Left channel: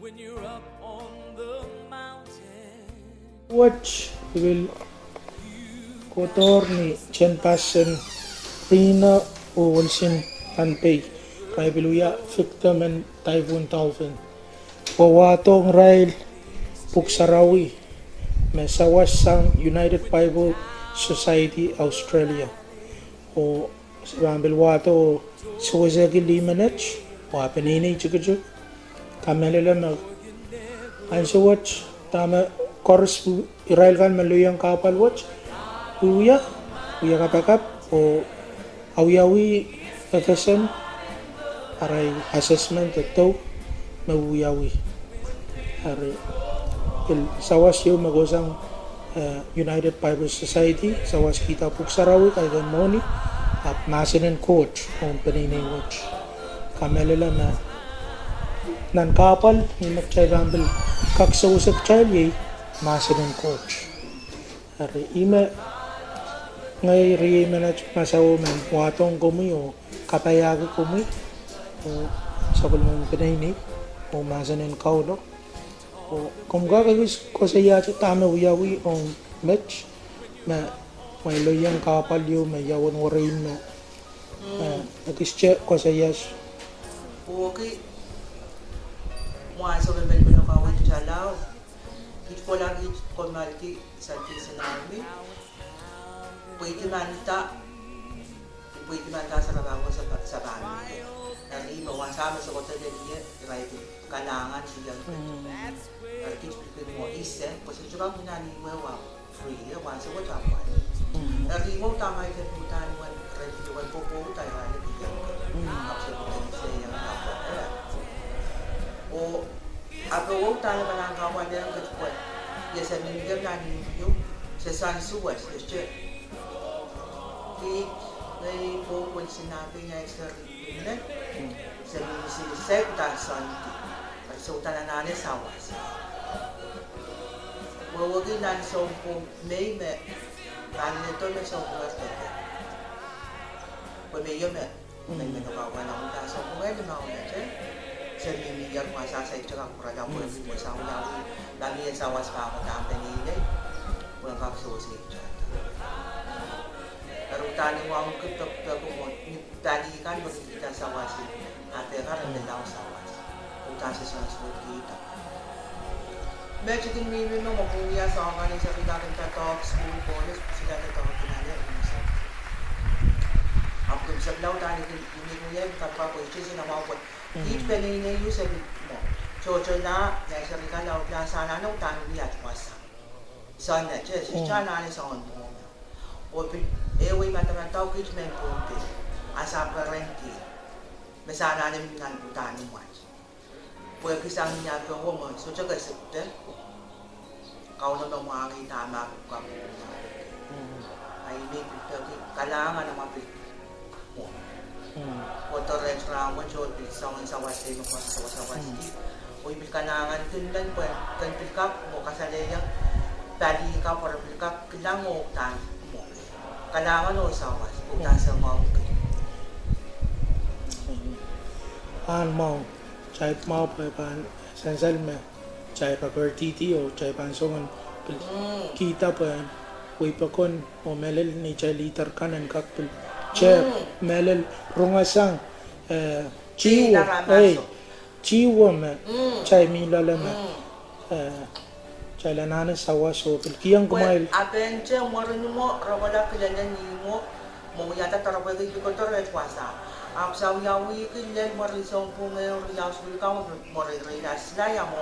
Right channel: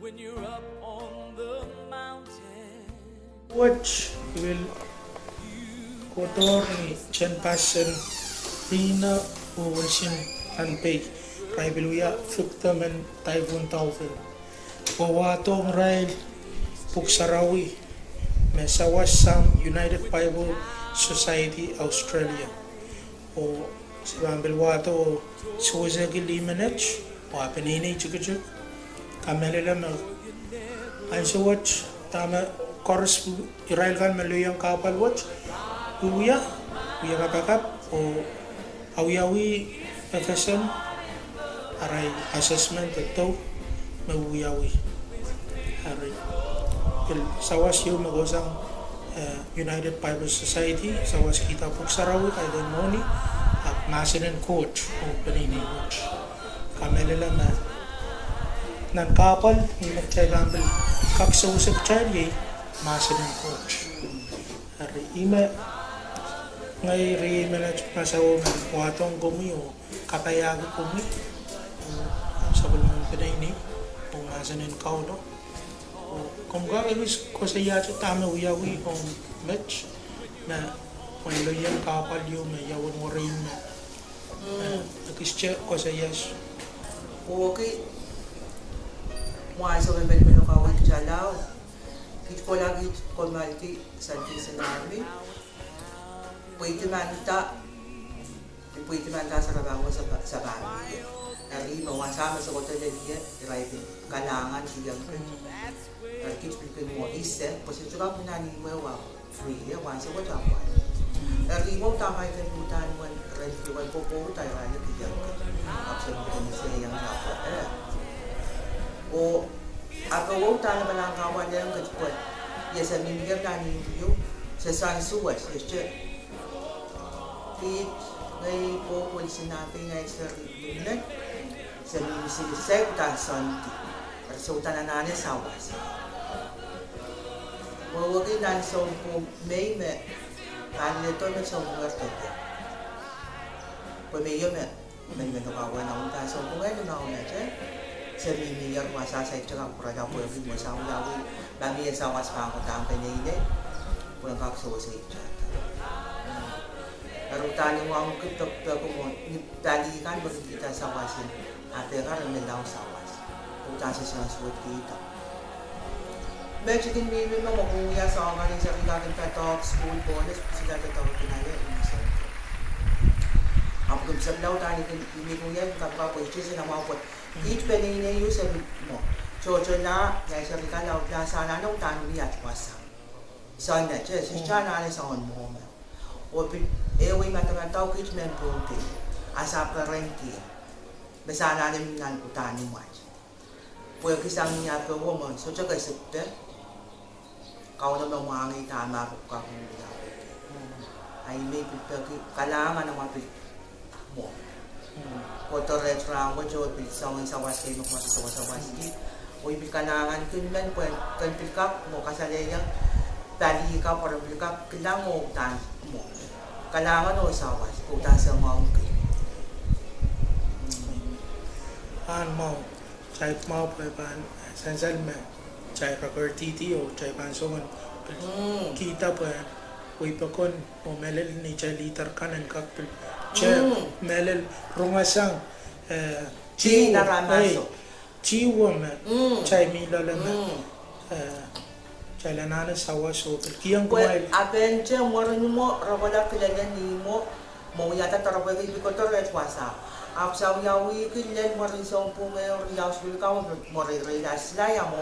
when you're up on the mountain. Watch will kotor ni Chen Passion Pina o Wilson Antay kay Biluya Victim and Typhoon Taufin Pawatong Rail Puksarawi na sawas sang United Bible Society Australia o Sambil wato Suwazagi Limanets o Apenini Chukachuk Kamelila na Anso watch Tama Chorus Israel kan maluyang kapal watch Uya katakap o Awiyawi Efeson aray assessment ito Mawiyawi aray sawas yung magosang United Bible Society sawas kita Puksarawi kay Moni at National Coach kung paninigod kamelala na nan kapal yung nagchay gambil kaksausap chay National Coach ari ima ngay riyema na masawo man watong kumi o katayagi kumi sa kulmang pinayni o masanin kaulo o kung gagawis ko sa yacho tama uyawi o match na may loyang kapal yun may yawon warin na nag-check ko sa yacho okay mga sa memel kawit jalaw hit ko lagi konmalti sa namin pwede man sa labaw sa bahay dari mawasama sa hotel niya driving kalangan siya kit bikin mo isip kasi juga pinaniwa free ya once a week dari mo tama ito putan wan radio wan popo tayo na bigyan ka option mo sa yang dapat o ako tayo man ang kawan ng katpot ya sa minigam na niyo sa sansuwas yes it ngay po kung sinabi nga sa rin sa minisisip ta santi resulta na nanin sawas mawagin na sa po may paano nito na sa muerte kung may yun may nakawa na unta sa po ngayon na una dyan sa mimiyar masasay tsaka kurada po yung mo sa unawi lagi yung sawas pa ako tampay na yun kung ang kakasuwasay dyan pero tani mo ang kutok mo tali kan baru kita sawasin ate ka rin daw sawas kung tasa sa suwat kita medyo din may makuya sa mga sa regarding talk school police sila tatawag kinala inisang ako sa law tani hindi ko yan kapwa po ito sila mawapot each penny na yung sabi mo chocho na sa regarding law sana nang tani niya wasa sana siya na sa on mo o ewe matamatau kit men ponte asa parenti mesana nem nan putani mas pue kisang niya to wo mo so jaga sekte kau na mangi tama ko ka ai me pitaki kalangan na mapit mo ko to retra wo jo pit song sa wasi mo ko sa wasi oi bil kalangan kun men pue kan pilkap mo kasaleya tali ka para pilkap kilango tan mo kailangan o sawas puta sa mga mau cai mau pan sansal me cai property o cai pansongan kita pa ui pakon o melel ni cai liter kanan kakpil cai melel rungasang ciwo me cai milala me Kailan na sawa so kiyang kumail. Aben je morin mo rawala kilan ni mo yata tarawa gi ko tor etwasa. Ap sa yawi kilan morin so po ngayon yaws sul ka mo morin relas la ya mo.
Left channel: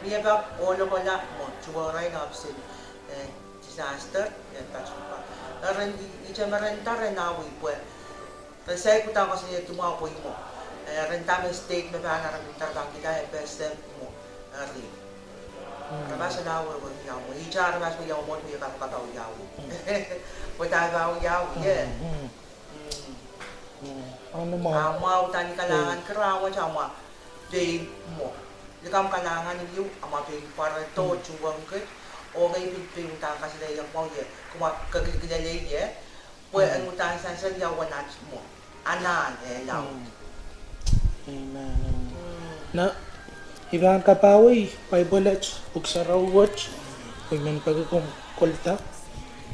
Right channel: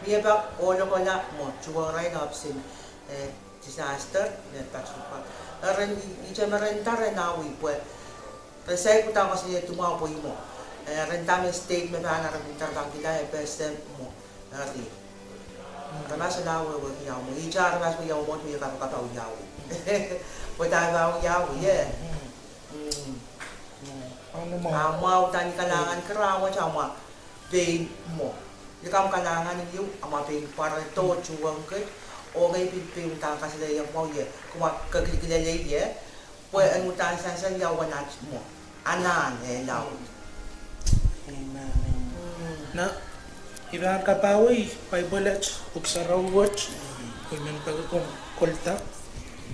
Miya ba olo ko la mo chuwaray na absin disaster na pasupa. Ren ijamaran tare na wi po. Resay ko ta kasi tumaw po mo. Rentame state me ba na rin tarbang kita best mo. Ri Ramas na wo yaw mo. Ija ramas mo yaw mo tuya ka ka yaw. Wala ba yaw ye. Ano mo? Mau tani kalangan kerawa sama day mo. Ikam kalangan niyo ama pin para to chuwang ke o ngay pin ta ka sila yang mo ye. Kuma kagilgilale ye. Pwe an mutan sa yaw wanat mo. Anan law. Na Iban kapawi, Bible buksaraw watch, kuman pagkong kolta.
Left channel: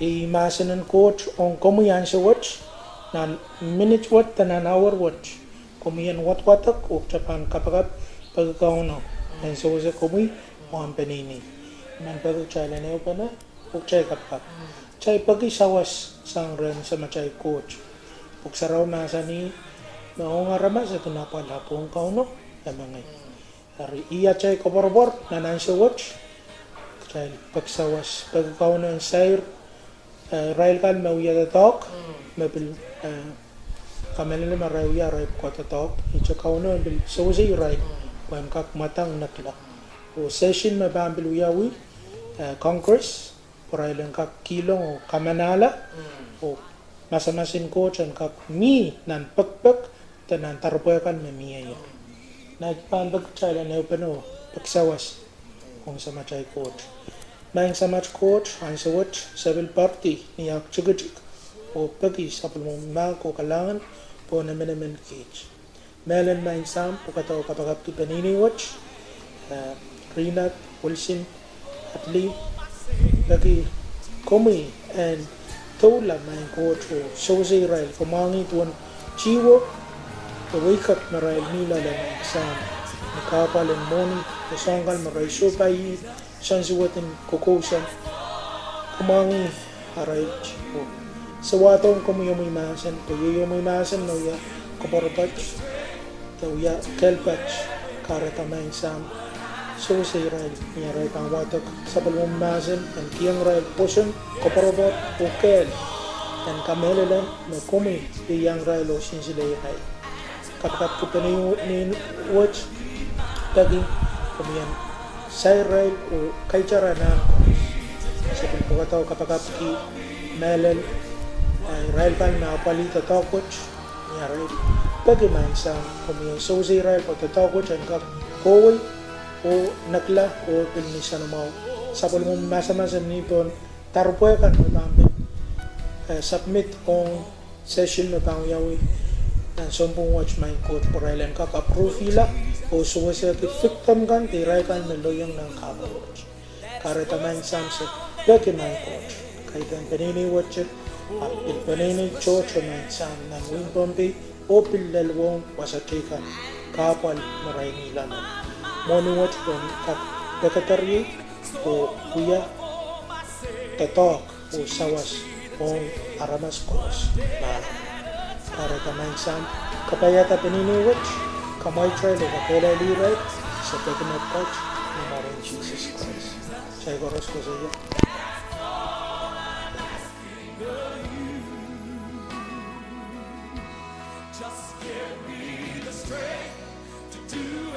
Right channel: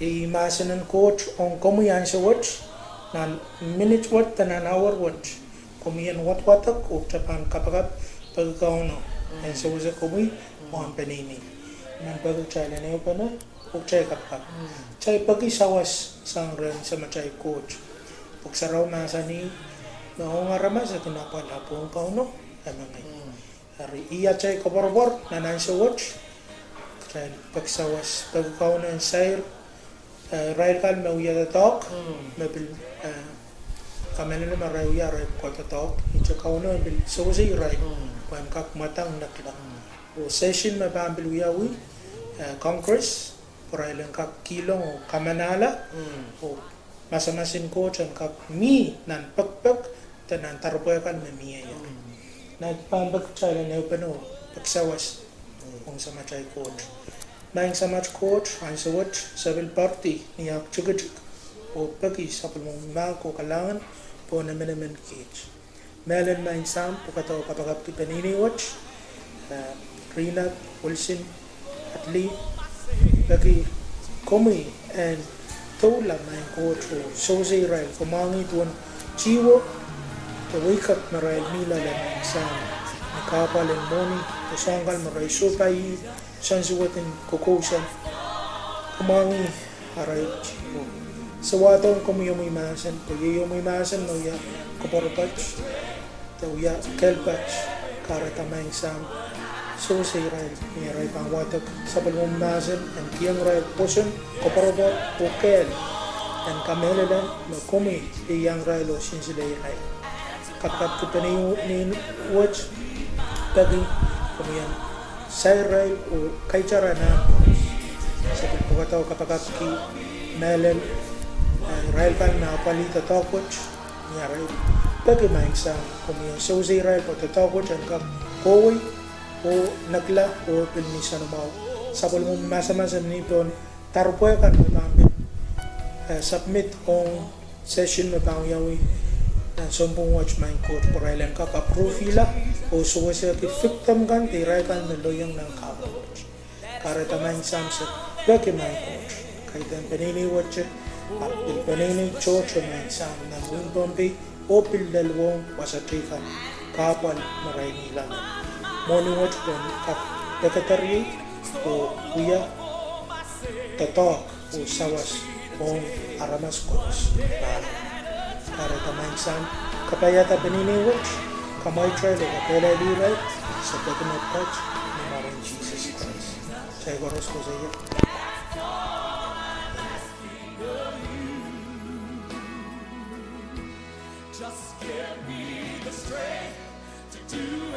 Imasanan coach on komuyan sa watch, na minute watch tanan hour watch. Komuyan watak o tapan kapagap pagkauno. And so sa komuy, on panini. Man pagkachala na pa na, o chay kapag. Chay pag-isawas sang ren sa machay coach. Buksaraw na sa ni, maungarama sa pinapalapong kauno, amangay. Dari iya chay koborbor na sa watch. Chay pagsawas pagkauno ang sayr. Rail kal mauya tatok, mabil kamelele marauya rail ko tatok. Icha kauno bil sawasi rail. Kuan kak matang nakla. O session mabambil uyawi Congress. Rail ang kak kilong o kamanala. O masamasin ko chan kak mi nan pagpag tanan tarpoy kan mamiya. Nagpambag chala na upano pagsawas kung sa machay coach. Maing sa match coach, ang sa watch, sabil party, niyak chugajik, o pagi sa pulmumba ko kalangan po na minamin cage. Melan maing sam, po kataw kapagap ki panini watch, Rinat, Wilson, Atli, pagi komi, and tola maing coach o sozi rail, kumangi tuwan chiwo, wake up na rail nila lang sa nakapal and morning, kusanggal maray supay, sansuwatin kukusan, kumangi aray chiwo. Sa watong kumuyumay masan, kuyumay masan no ya kaporapats, ya kelpats, karatamay sam, so say rail, niya rail pang watok sa palmong masan, ang tiyang rail puson, kaparapat, ukel, and kamelelan, no kumi, iyang rail o sinsilay rail. Kapag kita ni watch, tagi kumiyan say rail o kay cara na sa pagkataw kapag ki melen rail pan na palita takot niya rail tagi maing sa kumiyan so say rail po takot ang kap koy o nakla o pilmisa na mau sa pulmong masa-masa nipon tarpoy kan may pambit submit on session na pangyawi dan sompong watch main coach porailan ka ka-profila o suwa siya ki-victim kan tiray kan meloyang ng ka-coach karata main samset daki main coach kahit ang panini watch at panini coach main sam ng win bombi o pilalwong wasatrikan kapal maray nila na morning watch dan kak-dekatari o kuya tatok o sawas o aramas coach para kamay sam kapayata panini watch kamay trail o kakela liray sa pagkamat touch ng maraming Jesus Christ sa igoros ko sa iyo. Just give me the strength to do